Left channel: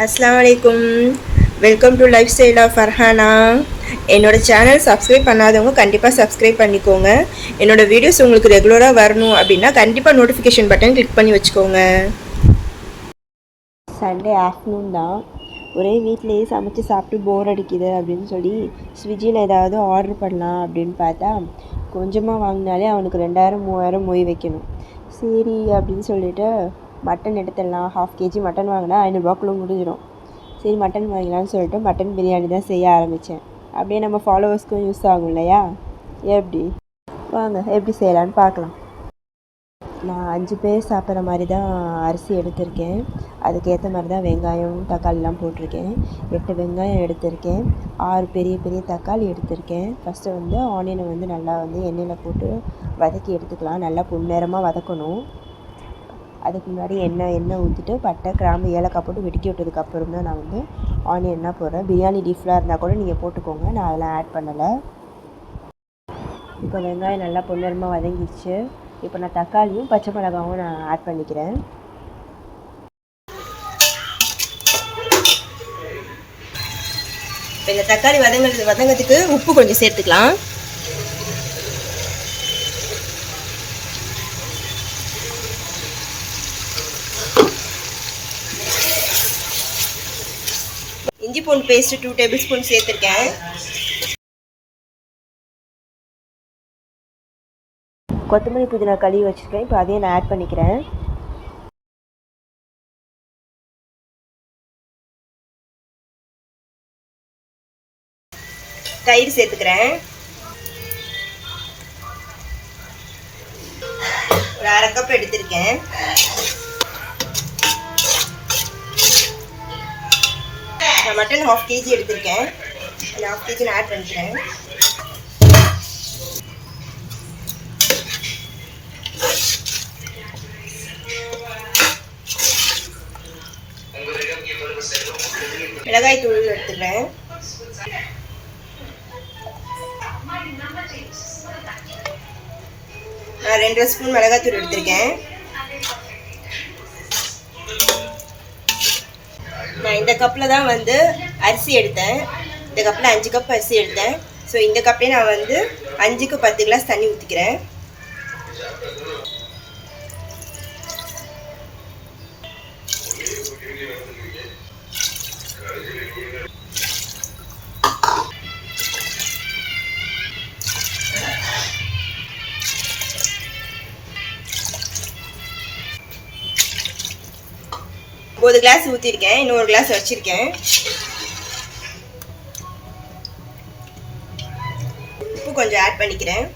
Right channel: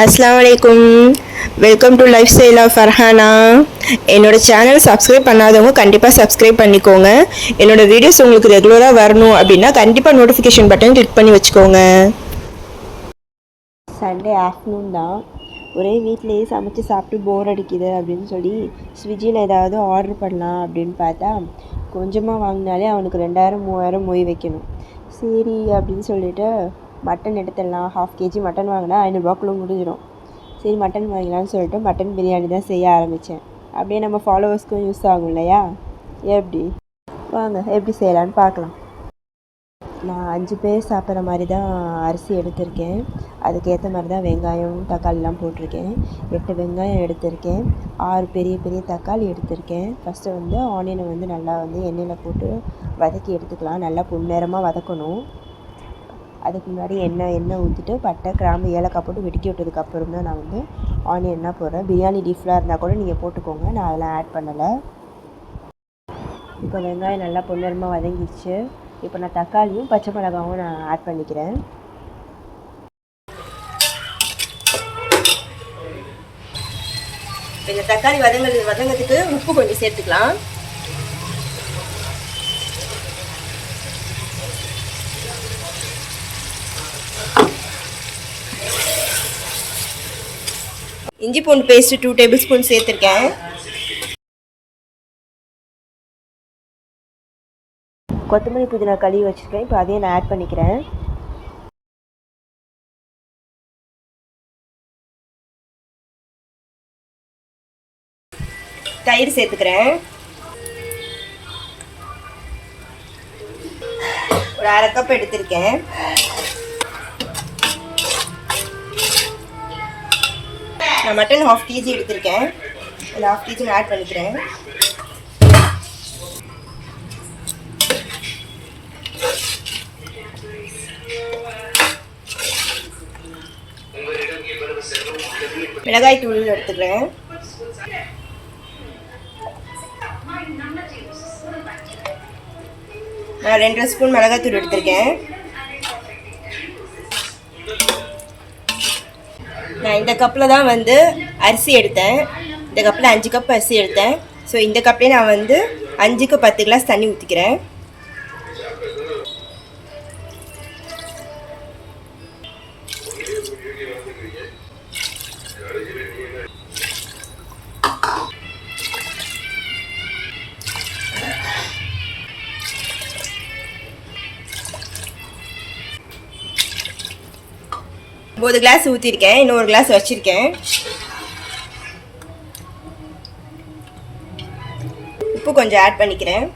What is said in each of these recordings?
அஸ்ஸலாமு அலைக்கும். Welcome to lifestyle of Farhana. என்னோடய சேனல் சப்ஸ்கிரைப் பண்ணாதவங்க கண்டிப்பாக சப்ஸ்கிரைப் பண்ணிக்கோங்க. என்னோடய வீடியோஸ் உங்களுக்கு ரெகுலராக வரணும் அப்படின்னா கண்டிப்பாக நோட்டிஃபிகேஷன் பட்டன் கிளிக் பண்ணி வச்சுக்கோங்க. சண்டே ஆஃப்டர்நூன் தான். ஒரே வீட்டிலேயே சமைச்சு சாப்பிட்டு போர் அடிக்குது அப்படின்னு சொல்லி ஸ்விக்கியில் ஏதாவது ஆர்டர் பண்ணலாம் அப்படின்னு பார்த்தா கொஞ்சமாக வாங்கினாலே அவனுக்கு 2000-3000 மொய் வைக்கணும். சரி அப்படின்னு சொல்லிட்டு மட்டன் எடுத்துடலாம். 1/2 kg மட்டன் வாங்கினா 500ரூபாக்குள்ளே முடிஞ்சிடும். சரி மட்டன் வாங்கிக்கலான்னு சொல்லிட்டு மட்டன் பிரியாணி தான் செய்ய ஆரம்பித்தேன். அப்படியே நம்ம ஃபாலோவர்ஸ்க்கும் யூஸ் ஆகும் இல்லையா? எப்படி வாங்க எப்படி செய்யலான்னு பார்க்கலாம். நான் 5 பேர் சாப்பிட்ற மாதிரி தான் அரிசி எடுத்திருக்கேன். அதுக்கேற்ற மாதிரி தான் வெங்காயம் தக்காளிலாம் போட்டிருக்கேன். 8 வெங்காயம் எடுத்திருக்கேன். 6 பெரிய பெரிய தக்காளி எடுத்திருக்கேன். ஃபஸ்ட்டு வந்து ஆனியனை வந்து நல்லா வந்து எண்ணெயில் போட்டு வதக்கி எடுத்துக்கலாம். நல்லா பொன்னிறமாக வதக்கணும். அதுக்கு முன்னாடி எண்ணெய் ஊற்றிட்டு பட்டை கிராம்பு ஏலக்காய் போட்டு வெடிக்கி விட்டதுக்கப்புறம் தான் நான் வந்து ஆனியன்லாம் போடுறேன். பிரியாணி லீஃப்லாம் இருந்தால் கூட நீங்கள் போட்டுக்கோங்க, நான் அதெல்லாம் ஆட் பண்ணலை. இப்போ வெங்காயம் நல்லா பொன்னிறமாக வதங்கிடுச்சு. இப்போ நான் தக்காளியும் பச்சை மிளகாவும் நான் ஆட் பண்ணிக்கிறேன். இந்த தக்காளி வதங்கிறதுக்கு உப்பு கொஞ்சம் சேர்த்துக்கலாம். இஞ்சி பூண்டு பேஸ்ட்டு 2 டேபிள் ஸ்பூன் சேர்த்துருக்கேன். கொத்தமல்லி புதினா கழுவி வச்சுருக்கேன். இப்போ அதையும் நான் ஆட் பண்ணிக்கிறேன். தயிர் சேர்த்துக்கிறேன். ஒரு 1/2 கப் எடுத்திருக்கேன். நான் மட்டன் 1/2 kg எடுத்திருக்கேன். அந்த 1/2 kg நான் ஆட் பண்ணிக்கிறேன். மிளகாய் தூள் எடுத்துக்கிறேன். நான் 2 ஸ்பூன் மிளகாய் தூள் எடுத்திருக்கேன். நான் இந்த கப்பில் தான் வந்து அரிசி எடுத்தேன். இந்த கப்பில் 5 கப் அரிசி எடுத்தேன். ஸோ இந்த கப்லேயே நான் வந்து 5க்கு 10 கிளாஸ் தண்ணி ஊற்றிக்கிறேன். ஒரு கிளாஸ் ஊற்றிருக்கேன். இன்னொரு கிளாஸ் வச்சுருக்கேன். உப்பு கொஞ்சம் ஆட் பண்ணிக்கிறேன்.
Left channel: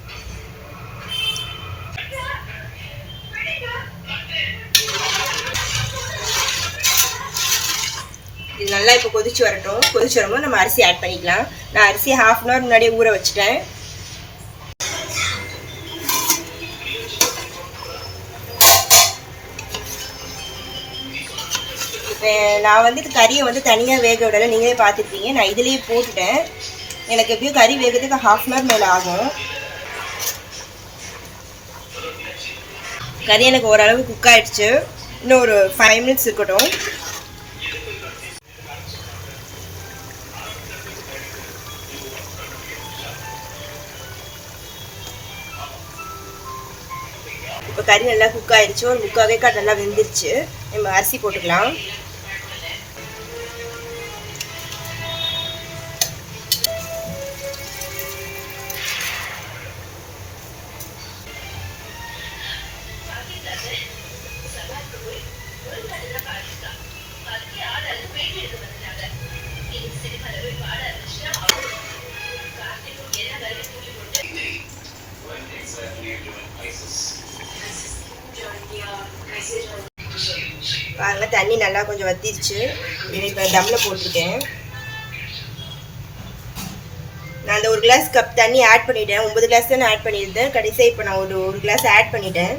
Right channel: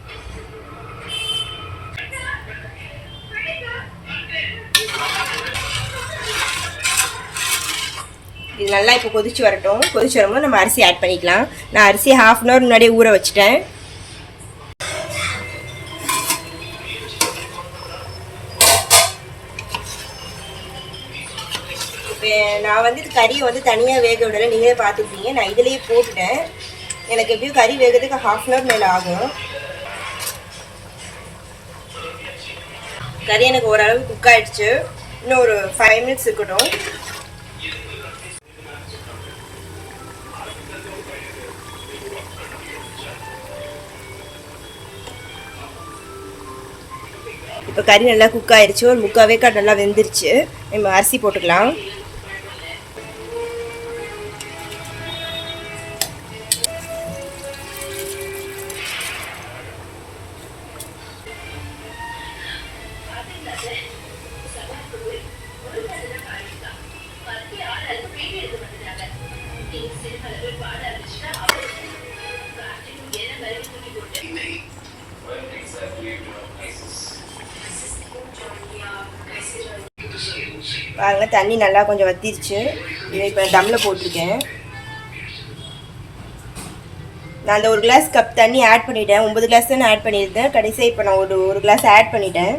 இது நல்லா இப்போ கொதிச்சு வரட்டும். கொதிச்சு வரும்போது நம்ம அரிசி ஆட் பண்ணிக்கலாம். நான் அரிசி 1/2 hour முன்னாடியே ஊற வச்சுட்டேன். நான் வந்து கறியை வந்து தனியாக வேக விடலை, நீங்களே பார்த்துருப்பீங்க. நான் இதுலேயே போட்டுட்டேன். எனக்கு எப்படியும் கறி வேகிறதுக்கு 1/2 hour மேலே ஆகும். கறி எனக்கு ஓரளவு குக் ஆகிடுச்சு. இன்னும் ஒரு 5 minutes இருக்கட்டும். இப்போ கறி நல்லா குக் ஆகிடுச்சு. ஒரு 3/4 வேக்காடு நல்லா வெந்துருச்சு. நம்ம அரிசி போட்டுக்கலாம். பாருங்க தண்ணி நல்லா கொஞ்சம் வத்திருச்சு. இப்போ தம்மில் போட்டிருக்கேன். நான் அந்த 1 கிளாஸ் கப் தண்ணி ஆட் பண்ணிட்டேன். 9 கிளாஸ் தான் நான் ஆட் பண்ணியிருந்தேன். கடைசியாக இப்போ நான் ஒரு கிளாஸ் ஆட் பண்ணிட்டேன்.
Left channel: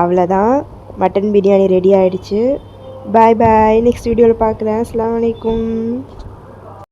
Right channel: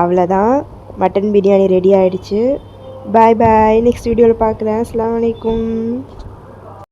அவ்வளோதான், மட்டன் பிரியாணி ரெடி ஆகிடுச்சு. பாய் பாய். நெக்ஸ்ட் வீடியோவில் பார்க்குறேன். அஸ்ஸலாமு அலைக்கும்.